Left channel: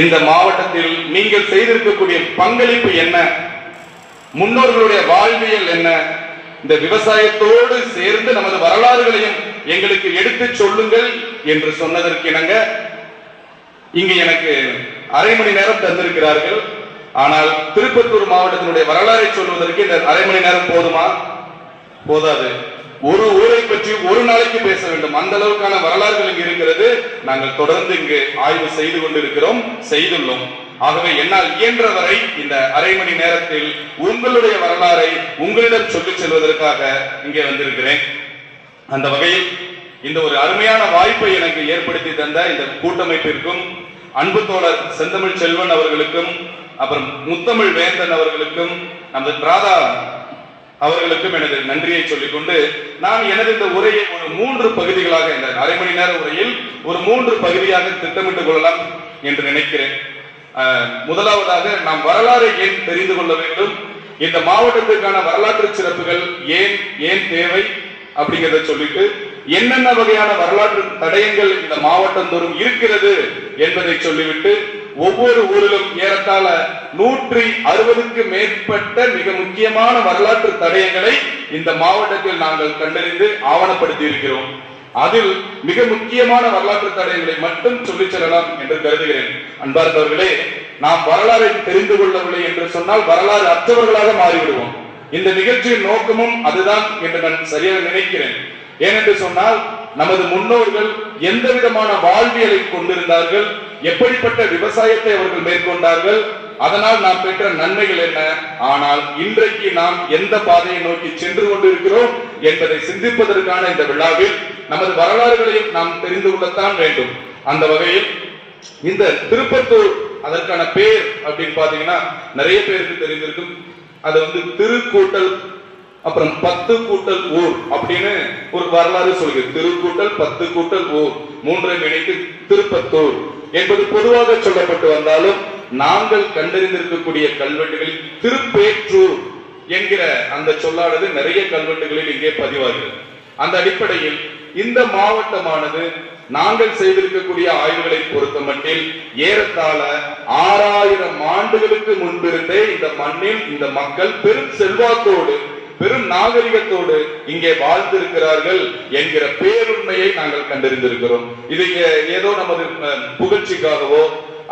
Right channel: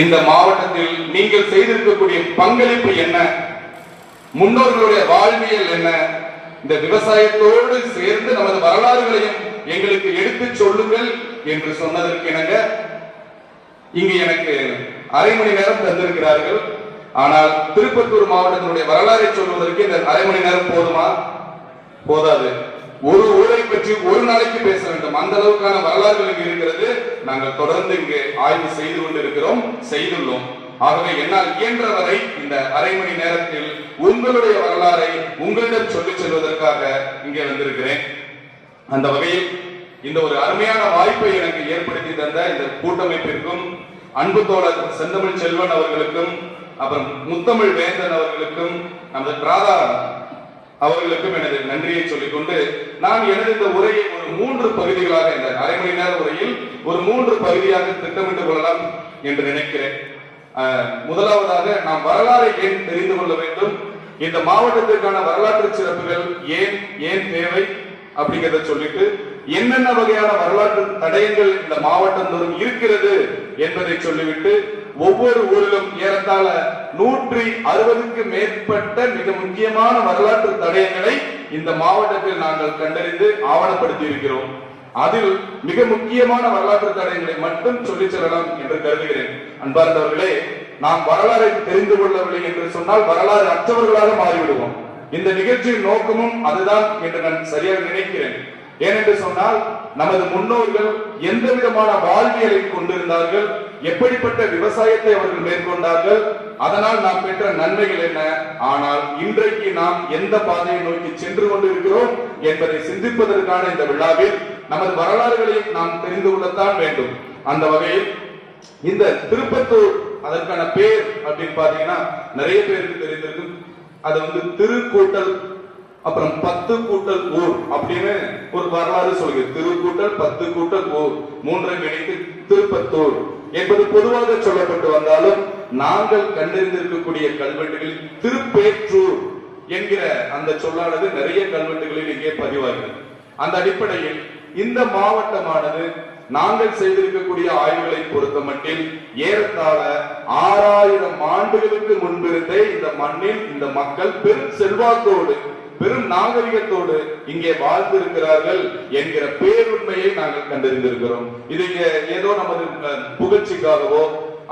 இந்த மாவட்டத்தில் நீங்கள் செய்திருக்கக்கூடிய பங்களிப்பு என்ன? முன்னோர்களுடைய வாழ்வியல் என்ன? இந்த விவசாயத்தோடு சேர்ந்து நமது வரலாறுகளையும் எங்களுக்கு எடுத்துச் சொல்லுங்கள் என்று சொன்னதற்கு இணங்க இங்கு எனக்கு அரை மணி நேரம் தந்திருக்கிறார்கள். ஆனால் திருப்பத்தூர் மாவட்டத்தினுடைய வரலாறை சொல்வதற்கு இந்த அரை மணி நேரம் போதுமா? போதாது. ஒரு ஊரை பற்றி ஒரு நாளைக்கு பேச வேண்டும். அந்த அளவுக்கான வரலாறுகள் இங்கு இருக்கிறது. நாங்கள் தொடர்ந்து இங்கு ஆய்வு செய்து கொண்டிருக்கிறோம் செய்துள்ளோம். ஆகவே என்னால் இயன்ற வரை இந்த அரை மணி நேரத்தில் உங்களுடைய வரலாறை உங்களிடம் சொல்லிச் செல்வதற்காக இங்கே வந்திருக்கிறேன். அந்த வகையில் இந்த ஒரு அருமையான வாய்ப்பை எனக்கு ஏற்படுத்தி தந்த இந்த கூட்டமைப்பிற்கும் அன்பு தோழர் செந்தமிழ் செல்வன் அவர்களுக்கும் அப்புறம் முத்தமிழ் வேந்தன் அவர்களுக்கும் நமது பிராதா அவர்களுக்கும் எனது நன்றியை சொல்லிக்கொண்டு நான் எனது இந்த உரையை ஒரு மூன்று பகுதிகளாக இந்த அரை மணி நேர உரையில் ஒரு மூன்று பகுதியாக திட்டமிட்டுக் கொள்ளலாம் என்று நினைக்கிறேன். முதலாவதாக நாம் வரலாறை ஏன் தெரிந்து கொள்ள வேண்டும்? இந்த மாவட்டத்திற்கான வரலாற்று சிறப்புகள் ஏன் ஏன் தேவை அப்படிங்கிறத சொல்லிட்டு என்னென்ன வகையான வரலாற்று தடயங்கள் இந்த மாவட்டம் தோறும் இருக்கிறது என்பதை சொல்லிவிட்டு ஒவ்வொரு ஊரிலும் ஏறத்தாழ நூற்றி அறுபதுக்கு மேற்பட்ட மிக முக்கியமான வரலாற்று தடயங்களை இந்த மாவட்டத்தில் நாங்கள் கண்டறிந்து ஆவணப்படுத்தி இருக்கிறோம் அதில் மிக முக்கியமான வரலாற்று தடயங்களை மட்டும் சொல்லிச் செல்லலாம் என்று கருதுகிறேன். அன்பார்ந்தவர்களே நாம் வரலாறை தெரிந்து கொள்ளவில்லை என்று சொன்னால் வரலாறு அற்றவர்களாக மாறிவிடுவோம். இந்த நிகழ்ச்சியின் நோக்கமும் அதுதான் என்று நான் சரியாக நினைக்கிறேன். ஏனென்று சொன்னால் நமது முன்னோர்கள் எந்த விதமான வாழ்வியலை கொண்டிருந்தார்கள்? எப்படிப்பட்ட விவசாயத்தை அவர்கள் மேற்கொண்டார்கள் அதனால் நாம் பெற்ற நன்மைகள் என்ன? ஆனால் இன்றைக்கு நாம் எந்த பாதையை நோக்கி சென்று கொண்டிருக்கிறோம் என்பதை சிந்திப்பதற்கான இந்த விழாவில் நமது வரலாறுகளையும் நாம் தெரிந்து கொள்ளத்தான் வேண்டும். அந்த வகையில் இந்த திருப்பத்தூர் அதற்கான பேர் அப்படின்னு பாத்தீங்கன்னா நிறைய பேருக்கு தெரிந்திருக்கும். அது வந்து திருக்கூட்டல் அப்புறம் பத்து கூட்டல் ஊர் அப்படின்னு ஒரு வரலாறு சொல்கிறது திருக்கூட்டல் பத்து கூட்டல் ஊர். மூன்றை இணைத்து திருப்பத்தூர் என்பது பொதுவாக சொல்லப்பட்டு வந்தாலும் நாங்கள் கண்டறிந்திருக்கக்கூடிய கல்வெட்டுகளில் திருப்பேற்றூர் என்கிற அந்த சொல்லானது நிறைய கல்வெட்டுகளில் இங்கே பதிவாகிறது. அந்த அடிப்படையில் இந்த மாவட்டமானது நாங்கள் செய்திருக்கக்கூடிய ஆய்வுகளை பொறுத்த மட்டில் ஏறத்தாழ ஆறாயிரம் ஆண்டுகளுக்கு முன்பிருந்தே இந்த மண்ணில் இந்த மக்கள் பெரும் செல்வாக்கோடு பெரும் நாகரிகத்தோடு இங்கே வாழ்ந்திருக்கிறார்கள் என்கிற பேருண்மையை நாங்கள் கண்டறிந்திருக்கிறோம். இது ஏதோ நமது புகழ்ச்சிக்காகவோ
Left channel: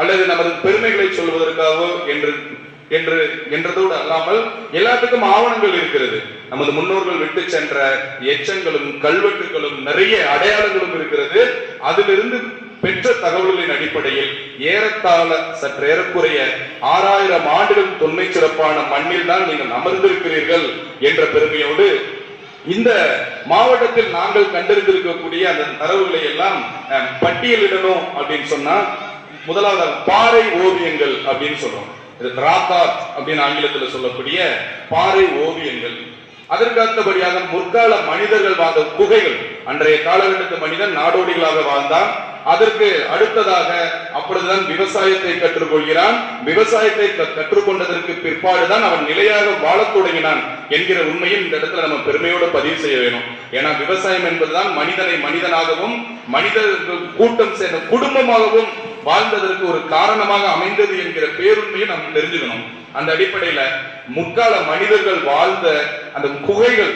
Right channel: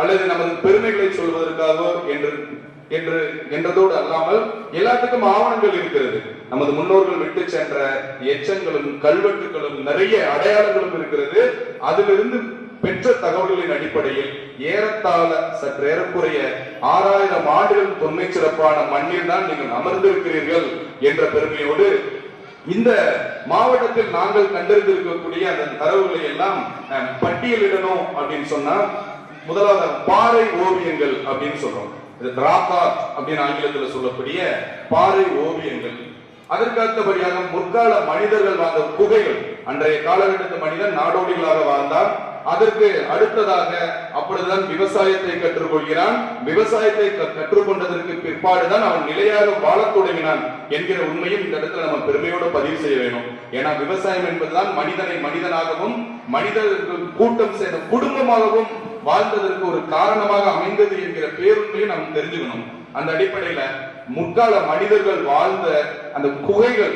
அல்லது நமது பெருமைகளை சொல்வதற்காகவோ என்று என்று என்றதோடு அல்லாமல் எல்லாத்துக்கும் ஆவணங்கள் இருக்கிறது. நமது முன்னோர்கள் விட்டு சென்ற எச்சங்களும் கல்வெட்டுகளும் நிறைய அடையாளங்களும் இருக்கிறது. அதிலிருந்து பெற்ற தகவல்களின் அடிப்படையில் ஏறத்தாழ சற்று ஏறக்குறைய ஆறாயிரம் ஆண்டுகள் தொன்மை சிறப்பான மண்ணில் தான் நீங்கள் அமர்ந்திருக்கிறீர்கள் என்ற பெருமையோடு இந்த மாவட்டத்தில் நாங்கள் கண்டறிந்திருக்கக்கூடிய அந்த தரவுகளை எல்லாம் பட்டியலிடணும் அப்படின்னு சொன்னா முதலாவது பாறை ஓவியங்கள் அப்படின்னு சொல்றோம். இது ராத்தார் அப்படின்னு ஆங்கிலத்தில் சொல்லக்கூடிய பாறை ஓவியங்கள். அதற்கு அடுத்தபடியாக முற்கால மனிதர்கள் வாழ்ந்த குகைகள். அன்றைய காலகட்டத்து மனிதன் நாடோடிகளாக வாழ்ந்தான். அதற்கு அடுத்ததாக அப்பொழுதுதான் விவசாயத்தை கற்றுக்கொள்கிறான். விவசாயத்தை கற்றுக்கொண்டதற்கு பிற்பாடுதான் அவன் நிலையாக வாழத் தொடங்கினான் என்கிற உண்மையும் இந்த இடத்துல நம்ம பெருமையோடு பதிவு செய்ய வேணும். ஏன்னா விவசாயம் என்பதுதான் மனிதனை மனிதனாகவும் மனிதர்கள் கூட்டம் சேர்ந்த குடும்பமாகவும் வாழ்ந்ததற்கு ஒரு காரணமாக அமைந்தது என்கிற பேருண்மையை நாம் தெரிஞ்சுக்கணும். அந்த அடிப்படையில முற்கால மனிதர்கள் வாழ்ந்த அந்த குகைகள்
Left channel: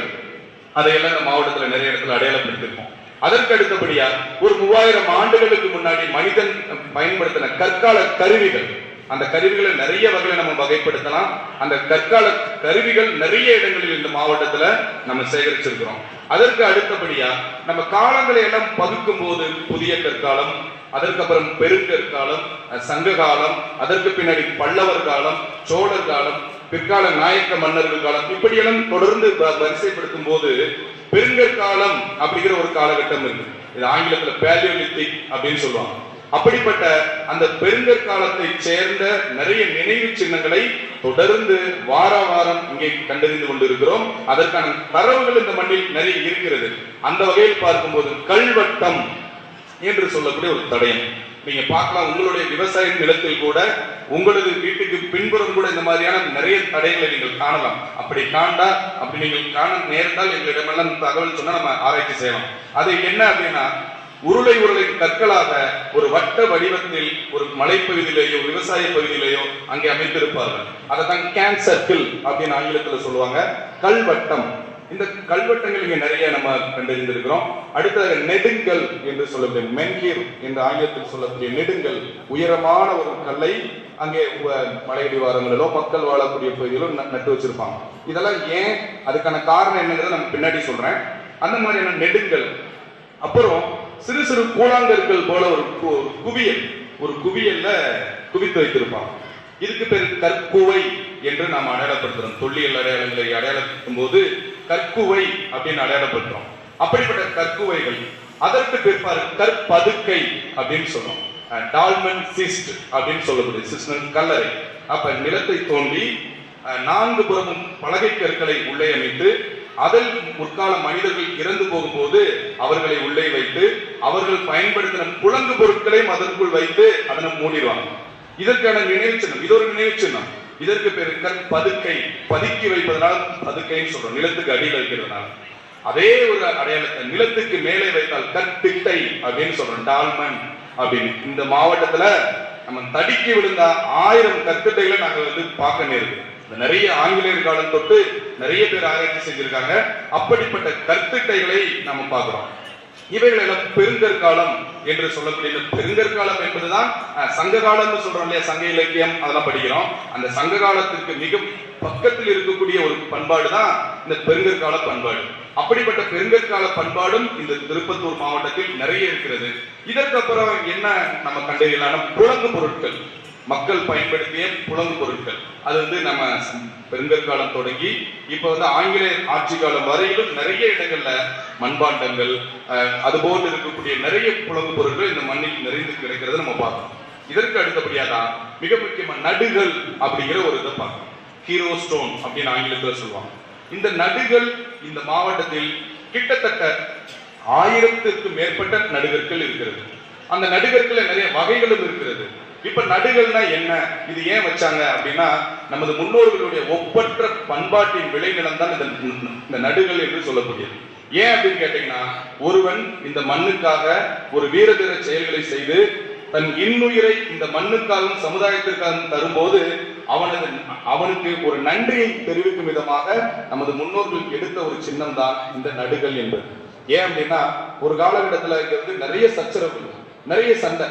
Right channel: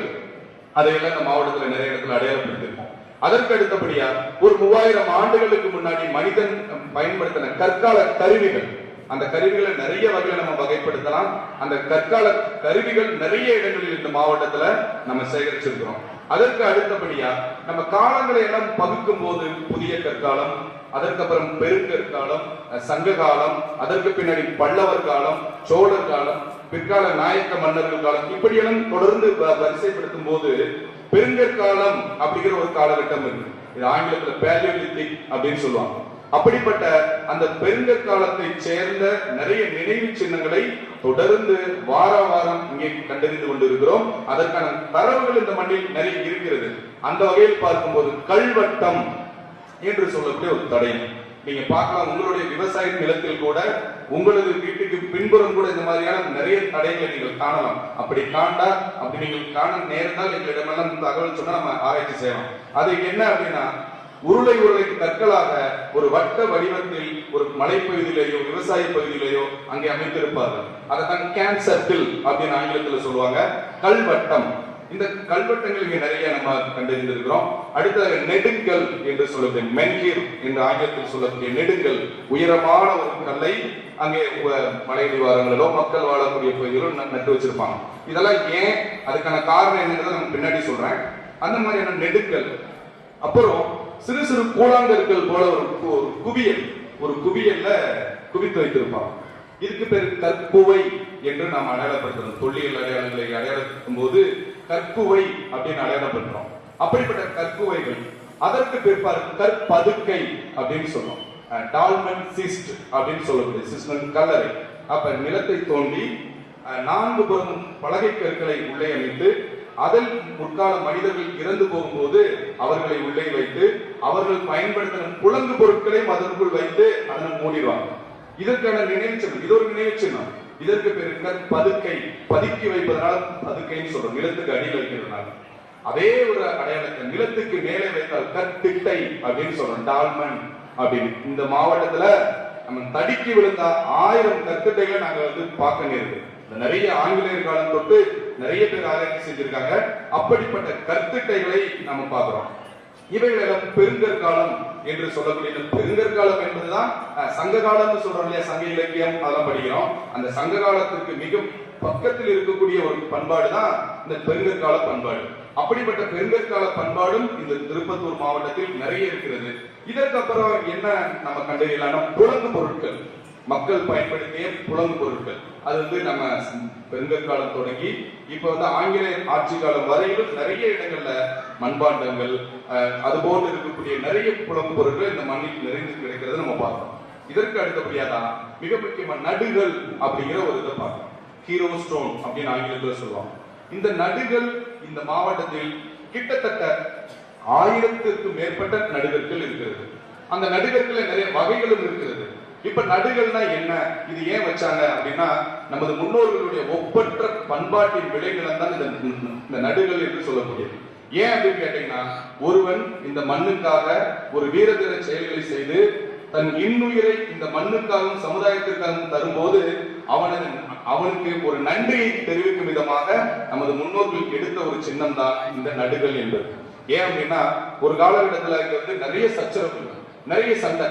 அதையெல்லாம் இந்த மாவட்டத்துல நிறைய இடத்துல அடையாளப்படுத்திருக்கோம். அதற்கு அடுத்தபடியா ஒரு மூவாயிரம் ஆண்டுகளுக்கு முன்னாடி மனிதன் பயன்படுத்தின கற்கால கருவிகள். அந்த கருவிகளை நிறைய வகையில நம்ம வகைப்படுத்தலாம். அந்த கற்கால கருவிகள் நிறைய இடங்களில் இந்த மாவட்டத்துல நம்ம சேகரிச்சிருக்கிறோம். அதற்கு அடுத்தபடியா நம்ம காலங்களை எல்லாம் பகுக்கும் போது புதிய கற்காலம் அதற்கப்புறம் பெருங்கற்காலம் சங்க காலம் அதற்கு பின்னாடி பல்லவர் காலம் சோழர் காலம் பிற்கால நாயக்க மன்னர்கள் காலம் இப்படியெல்லாம் தொடர்ந்து வரிசைப்படுத்தும் போது பெருங்கற்காலம் அப்படிங்கிற ஒரு காலகட்டம் இருக்கு. இது ஆங்கிலத்துல பேலியோலித்திக் அப்படின்னு சொல்லுவாங்க. அப்படிப்பட்ட அந்த பெருங்கற்காலத்தை சேர்ந்த நிறைய நினைவு சின்னங்களை தொடர்ந்து வார வாரம் இங்கே கண்டறிந்து கொண்டிருக்கிறோம். அதற்கான தரவுகள் இந்த மண்ணில் நிறைய இருக்கிறது. அந்த வகையில் பார்க்கும்போது கல்வட்டம் என்று சொல்லக்கூடிய ஒரு தடயம். நீங்க பார்க்கலாம் உங்களுடைய விவசாய நிலத்தில் கூட உங்களது வீட்டுக்கு பின்புறம் கூட இந்த மாதிரியான நிறைய தடைகளை நீங்கள் காணலாம். அப்படி காண்டா அப்படி நீங்கள் காண நேர்ந்தால் எங்களிடமெல்லாம் தகவல் சொன்னா நம்ம ஆராய்ச்சி செய்யலாம். அது என்ன அப்படின்னா உருளை உருளை கற்களாக ஒரு வட்ட வடிவத்தில் ஒரு மலைப்பகுதியிலேயோ விவசாய பகுதியிலேயோ அங்கே அமைத்திருப்பார்கள் அதை தான் கேன் சர்க்கிள் அப்படின்னு ஆங்கிலத்தில் சொல்லுவாங்க. கல்வட்டம். இந்த கல்வெட்டங்கள் இங்கே நிறைய நம்ம கண்டறிந்திருக்கிறோம். அடுத்தது நெடுங்கல் என்று சொல்லக்கூடிய மென்கீர் என்ற ஆங்கிலத்தில் சொல்லக்கூடிய நெடுங்கல் உயரமான ஒரு கல்லை அங்கே உ- மலையடிவாரங்களிலோ மக்கள் வாழக்கூடிய பகுதியிலோ நட்டு வச்சிருப்பாங்க. இதெல்லாம் ஏன்? அதுக்கான காரணம் என்னங்கிறத நான் பின்னாடி சொல்றேன். அந்த மாதிரியான நெடுங்கல். அப்புறம் சிறு சிறு கூழாங்கற்கள் போல ஒரு ஒரு குவியல். ஒரு குவியல்ல குவித்து வைத்திருப்பாங்க. இதுக்கு பேர் கற்குவை என்று நாம் அடையாளப்படுத்துறோம். தொல்லியல் அடையாளங்களை அடையாளப்படுத்தும் போது கற்குவை அப்படின்னு அடையாளப்படுத்துறோம் அப்படிப்பட்ட கற்குவைகள் அதற்கு பிற்பாடு கற்பதுக்கை அப்படின்னு சொன்னோம் டால்மன் சிஸ்ட் அப்படின்னு சொல்லக்கூடிய சிஸ்டன் கல்லறை. அப்ப நிலத்தை தோண்டி அஹ், நான்கு புறமும் பலகை கற்களை உள்ளே அமைத்து அதில் முற்கால மனிதர்கள் இறந்து போகும்போது அவர்களை உள்ளே வைத்து அவர்கள் பயன்படுத்தின புலங்கு பொருட்களை அதற்குள் வைத்து அதனை மூடிடுவாங்க. இதற்கான நினைவு சின்னம் இது ஒரு நினைவு சின்னம். இதற்கு பேரு பதுக்கை பதுக்கி வைப்பதனால பதுக்கைன்னு சொல்றோம். நிலத்துக்கு அடி வைக்கிறதுனால. அதே ஒரு அடையாளத்தை நிலத்துக்கு மேலே வைத்தால் கற்பிட்டை அப்படின்னு சொல்றோம். டால்மன் அப்படின்னு. இந்த மாவட்டத்துல நம்ம தடுக்கி விழுந்த ஆயிரம் கற்கட்டைகளை நாங்க வந்து பார்க்க நேருது நிறைய ஆங்கிலேயர் காலம் தொட்டு நிறைய பேர் ஆராய்ச்சி செஞ்சிருக்காங்க. அப்படிப்பட்ட கற்பிட்டைகளை நம்ம பார்க்கிறோம். இவைகளெல்லாம் பெருங்கற்காலம் என்று சொல்லக்கூடிய பெருங்கற்காலம் என்பதுதான் சங்க காலம்னு சொல்றோம் இல்லையா? சங்க இலக்கியம் அதெல்லாம் படிக்கிறோம். அந்த சங்க காலத்திற்கு மிக பக்கத்தில் இருக்கக்கூடிய ஒரு பண்பாடு தான் இந்த பெருங்கற்கால பண்பாடு. அப்படிப்பட்ட பெருங்கற்கால பண்பாடும் இந்த திருப்பத்தூர் மாவட்டத்தில் நிறைய இருக்கிறது. இதற்கப்புறம் என்ன நம்ம கண்டறியலான புலங்கு பொருட்கள். மக்கள் பயன்படுத்திய புலங்கு பொருட்கள். அது வந்து நம்ம பெருங்கற்காலம் தொடங்கி இப்போ வந்து ஆங்கிலேயர் ஆட்சி காலம் வரையிலும் நிறைய இடங்கள்ல மண்பாண்டங்கள் அது போன்று இருக்கக்கூடிய நிறைய புலங்கு பொருட்கள் இந்த மண்ணில் நிறைந்து கிடைக்கிறத நம்ம பார்க்கணும். இதற்கு அடுத்தபடியாக தான் மிக முக்கியமா நடுகள் அப்படிங்கிற ஒரு இதை பார்க்கணும். ஹீரோ ஸ்டோன் அப்படின்னு ஆங்கிலத்தில் சொல்லுவாங்க. இந்த நடுகள் இந்த மாவட்டத்தில் கிட்டத்தட்ட ஆயிரத்துக்கு மேற்பட்ட நடுகர்கள் இருக்கிறது. அந்த நடுகற்கள்ல நிறைய வகைகளும் இருக்கிறது. இப்ப நடுகள்னா என்ன? இது ஏன் வச்சாங்க அப்படின்னா நமது முன்னோர்களுடைய ஒப்பற்ற பண்பாட்டின் விளைநிலம் தான் இந்த நடுகள் என்று சொல்லக்கூடியது. ஏன் அப்படின்னு கேட்டீங்கன்னா ஒருவன் இந்த மண்ணுக்காக ஒரு வீர செயல்களை செய்து தன் இன்னுயிரை இந்த மண்ணுக்காகவும் சமுதாயத்திற்காகவும் தரும்போது அவனது அவனுக்கு ஒரு நன்றியை தெரிவிக்கும் விதமாக நமது முன்னோர்கள் எடுத்த ஒரு சின்னம் தான் இந்த நடுகள் என்பது. ஏன் அப்படின்னா ஒரு காலகட்டத்தில் இருக்கிறது நிறைய சச்சரவு நிறைய சண்டை.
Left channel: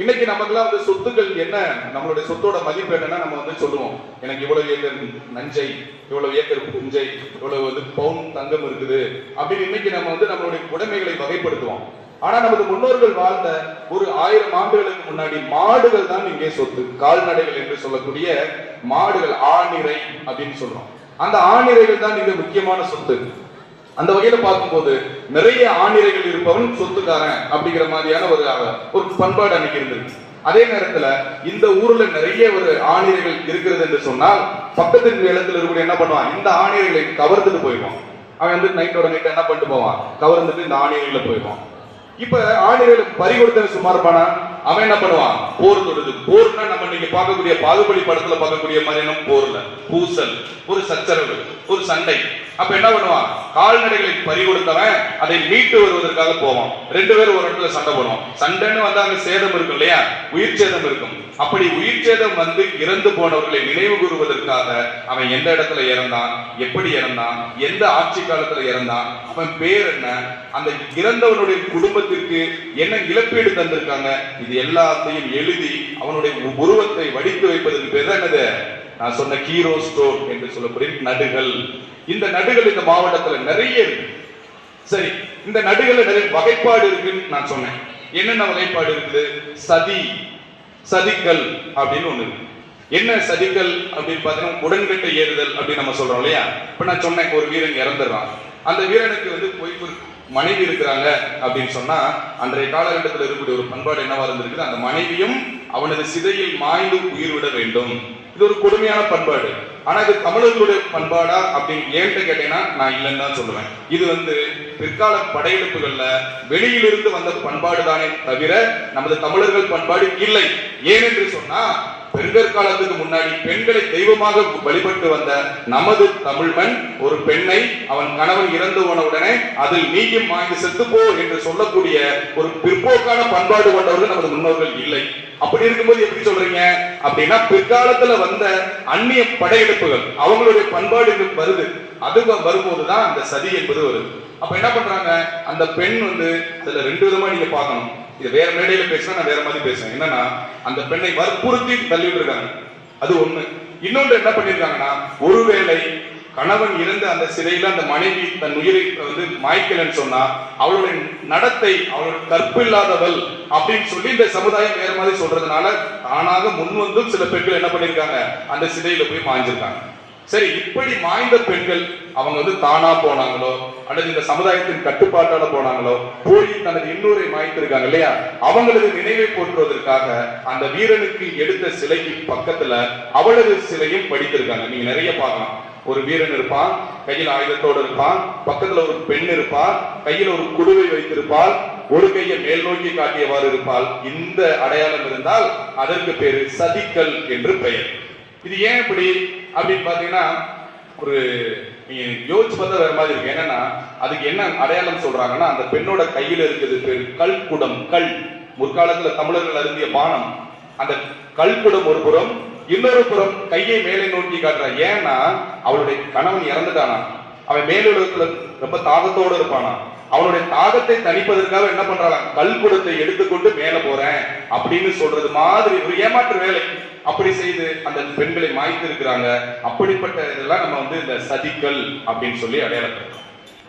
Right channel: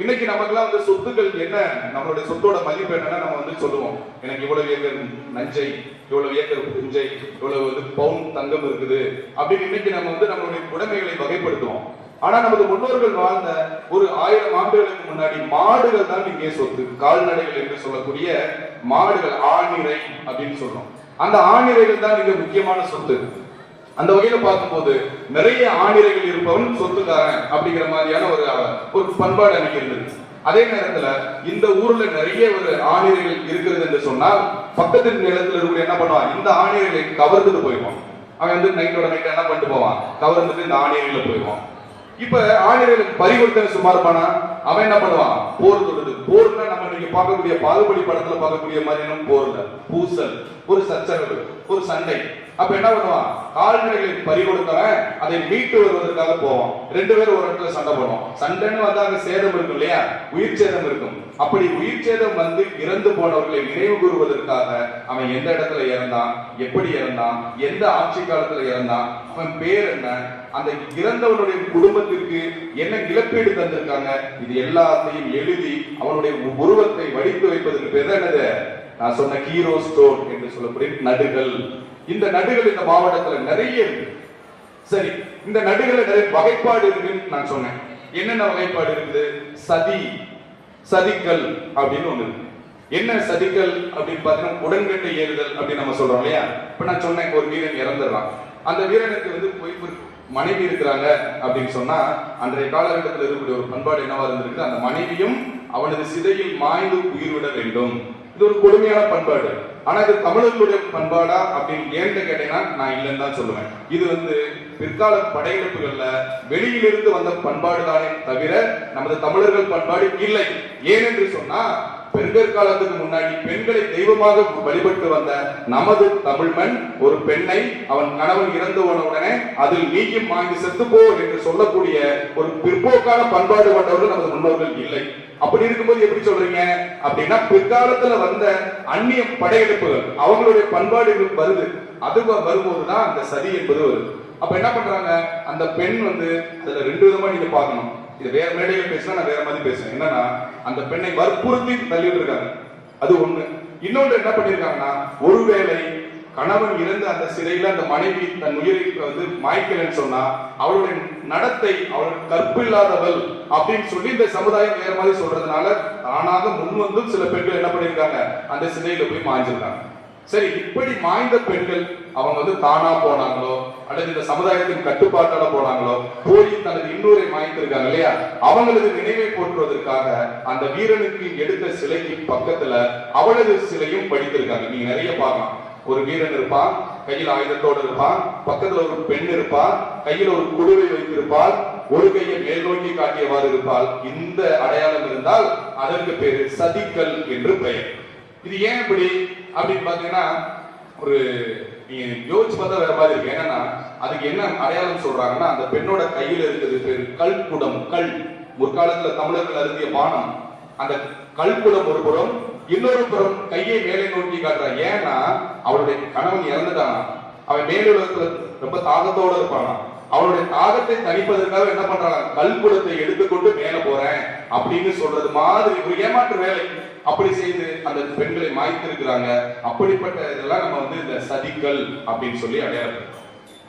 இன்னைக்கு நமக்குலாம் வந்து சொத்துக்கள் என்ன? நம்மளுடைய சொத்தோட மதிப்பு என்னன்னா நம்ம வந்து சொல்லுவோம். எனக்கு இவ்வளவு ஏக்கர் நஞ்சை இவ்வளவு ஏக்கர் புஞ்சை இவ்வளவு வந்து பவுன் தங்கம் இருக்குது அப்படின்னு இன்னைக்கு நம்ம வந்து நம்மளுடைய உடைமைகளை வகைப்படுத்துவோம். ஆனா நமது முன்னோர்கள் வாழ்ந்த ஒரு ஆயிரம் ஆண்டுகளுக்கு முன்னாடி மாடுகள் தான் இங்கே சொத்து. கால்நடைகள் என்று சொல்லக்கூடிய மாடுகள் ஆணிரை அப்படின்னு சொல்றோம். அந்த ஆணிரைகள் தான் இங்க முக்கியமான சொத்து. அந்த வகையில பார்க்கும்போது நிறைய ஆணிரைகள் இருப்பவன் சொத்துக்காரன் அப்படிங்கிற மாதிரியான ஒரு ஒரு பண்பாடு அன்னைக்கு இருந்திருக்கு அதே நேரத்துல இந்த ஊர்ல நிறைய ஒரு ஆணிரைகள் இருக்கிறது என்று சொன்னால் பக்கத்து நிலத்தில் இருக்கக்கூடிய என்ன பண்ணுவான்? இந்த ஆணிரைகளை கவர்ந்துட்டு போயிடுவான். அவன் வந்து நைட்டோட நைட் என்ன பண்ணிட்டு போவான்? கவர்ந்துட்டு இந்த ஆணிரைகளை போயிடுவான். இப்ப ஆணிரைகளுக்கு பறிகொடுத்த சுமாரமான அவன் என்ன பண்ணுவான்? போர் தொடுது. போர்னா நம்ம நீங்க பார்க்கக்கூடிய பாகுபலி படத்துல பார்க்கக்கூடிய மாதிரியான போர்ல. பூசல் ஒரு சச்சரவு ஒரு சண்டை. அப்ப என்ன பண்ணுவான்? கால்நடைகளை பறி கொடுத்தவன் அதை மீட்டு வருவதற்காக போவான். ரெண்டு பேரும் ஒரு இடத்துல சண்டை போடும் சண்டைன்னு வந்தா அங்க சேதம் இருக்கும் இல்லையா? உயிர் சேதம் இருக்கும். அப்படி உயிர் சேதம் வந்து இறந்து போனவர்களை நினைவு கூறுவதற்காக அவன் எந்த இடத்துல இறந்தான்? எப்படி இறந்தான்? எந்த ஆட்சி காலத்துல இறந்தான்? அவன் பேர் என்ன? அந்த இறந்தவனுடைய குடும்பத்திற்கு என்ன இழப்பீடு தந்திருக்காங்க? இது எல்லாத்தையும் எழுதி அவனுடைய உருவத்தை வடித்து வைப்பதற்கு பேர் தான் என்னது? நான் சொன்ன ஹீரோ ஸ்டோன் என்று சொல்லக்கூடிய நடுகள். இந்த நடுகள் இந்த மாவட்டத்துல நிறைய இருக்கு. சரி இந்த நடுகளை நிறைய வகைப்பாடு இருக்குன்னு நான் சொன்னேன். என்னென்ன வகைப்பாடு இருக்குது? சதி சதிக்கல் அப்படின்னு ஒண்ணு இருக்கு. என்ன சதிக்கல் அப்படின்னு பாத்தீங்கன்னா உடன்கட்டை ஏறுதல் அப்படின்னு நம்ம சொல்றோம் இல்லையா? இப்ப நான் சொன்னேன் ஒரு வீரன் இறந்துடுவான். அந்த வீரனுக்கு வந்து போய் மனைவி இருக்கிறாங்க அப்படின்னு சொன்னா அன்றைய காலகட்டத்தில் இருக்கக்கூடிய ஒரு பண்பாடு என்னவா இருந்திருக்கு அந்த மனைவியும் அவனது சிதையில் மாய்ந்து உயிர் விட வேண்டும். இது ஒரு கொடுமையான பண்பாடு. ஆனா இது தமிழர்களுடைய பண்பாடா அப்படின்னு ஏன்ட்டு கேட்டீங்கன்னா நான் இல்லைன்னு தான் சொல்லுவேன். இது வந்து பிற்கால படையெடுப்புகள்ல வெளியிலிருந்து வந்த பண்பாடு தானே தவிர நமது தமிழர்கள் பண்பாடு இல்லை. ஏனென்று சொன்னா பெருங்கற்காலத்துக்கு முன்னாடி பெண்களை தெய்வமாக வழிபட்டு வந்த நமது தமிழ்மண் ஒரு பெண்ணை அவன் கணவன் இறந்து போன உடனே அதில் நீயும் வாங்கி செத்துப்போ என்று சொல்லக்கூடிய ஒரு பிற்போக்கான பண்பாடு கொண்டவர்கள் நமது முன்னோர்கள் இல்லை. அப்படி இருக்கும்போது எப்படி சொல்றீங்க? அப்படின்னா பிற்காலத்துல வந்த அந்நிய படையெடுப்புகள் அவங்களுடைய பண்பாடு வருது. அது வரும்போதுதான் அந்த சதி என்பது வருது. அப்ப என்ன பண்றாங்க? அந்த பெண் வந்து இதுல ரெண்டு விதமா நீங்க பார்க்கணும். இது வேற மேடையில பேசுனா நான் வேற மாதிரி பேசுறேன் என்னன்னா அந்த பெண்ணை வற்புறுத்தி தள்ளி விட்டுருக்காங்க அது ஒண்ணு. இன்னொன்று என்ன பண்ணிருக்காங்கன்னா ஒருவேளை கணவன் இறந்த அந்த சிறையில அந்த மனைவி தன் உயிரை வந்து மாய்க்கலன்னு சொன்னா அவளுடைய நடத்தை அவள் கற்பில்லாதவள் அப்படின்னு சொல்லி இந்த சமுதாயம் வேற மாதிரி சொல்றதுனால தானாக முன் வந்து சில பெண்கள் என்ன பண்ணிருக்காங்க அந்த சிறையில போய் மாய்ஞ்சிருக்காங்க சரி இப்படி மாய்ந்த பெண்கள் அவங்க வந்து தானா போனாங்களோ அல்லது இந்த சமுதாயத்தின் கட்டுப்பாட்டால போனாங்களோ போய் தனது இன்னொரு மாய்த்திருக்காங்க இல்லையா? அவங்களுக்கு நினைவை போற்றுவதற்காக அந்த வீரனுக்கு எடுத்த சிலைக்கு பக்கத்துல அவளது சிலையும் படித்திருக்காங்க. நீங்க நிறைய பார்க்கலாம். ஒரு வீரன் இருப்பான் கையில் ஆயுதத்தோடு இருப்பான் பக்கத்துல ஒரு பெண் இருப்பாள் கையில் ஒரு குழுவை வைத்திருப்பாள் ஒரு கையை மேல் நோக்கி காட்டியவாறு இருப்பாள். இந்த அடையாளம் இருந்தால் அதற்கு பேரு சதிக்கல் என்று பெயர். இது ஏன் இப்படி அப்படின்னு பாத்தீங்கன்னா ஒரு நீங்க யோசிச்சு பார்த்தா வேற மாதிரி இருக்கு. என்னன்னா அதுக்கு என்ன அடையாளம் சொல்றாங்கன்னா அந்த பெண்ணோட கையில இருக்கிறது பேர் கல் குடம் கல். முற்காலத்துல தமிழர்கள் அருந்திய பானம். அந்த கல் குடம் ஒரு புறம் இன்னொரு புறம் கையை மேலே நோக்கி காட்டுறா. ஏன்னா அவளுடைய கணவன் இறந்துட்டானா? அவன் மேலுலகத்துல ரொம்ப தாகத்தோட இருப்பானா? அவனுடைய தாகத்தை தணிப்பதற்காக என்ன பண்றாங்க? கல்குடத்தை எடுத்துக்கொண்டு மேல போறேன் அப்படின்னு சொல்றது மாதிரி ஒரு ஏமாற்று வேலை. அப்படி செய்து அந்த பெண்களை மாய்த்திருக்கிறாங்க. அப்படிப்பட்ட இதெல்லாம் நம்ம வந்து இந்த சதிக்கல் அப்படின்னு சொல்லி அடையாளப்படுத்துறோம்.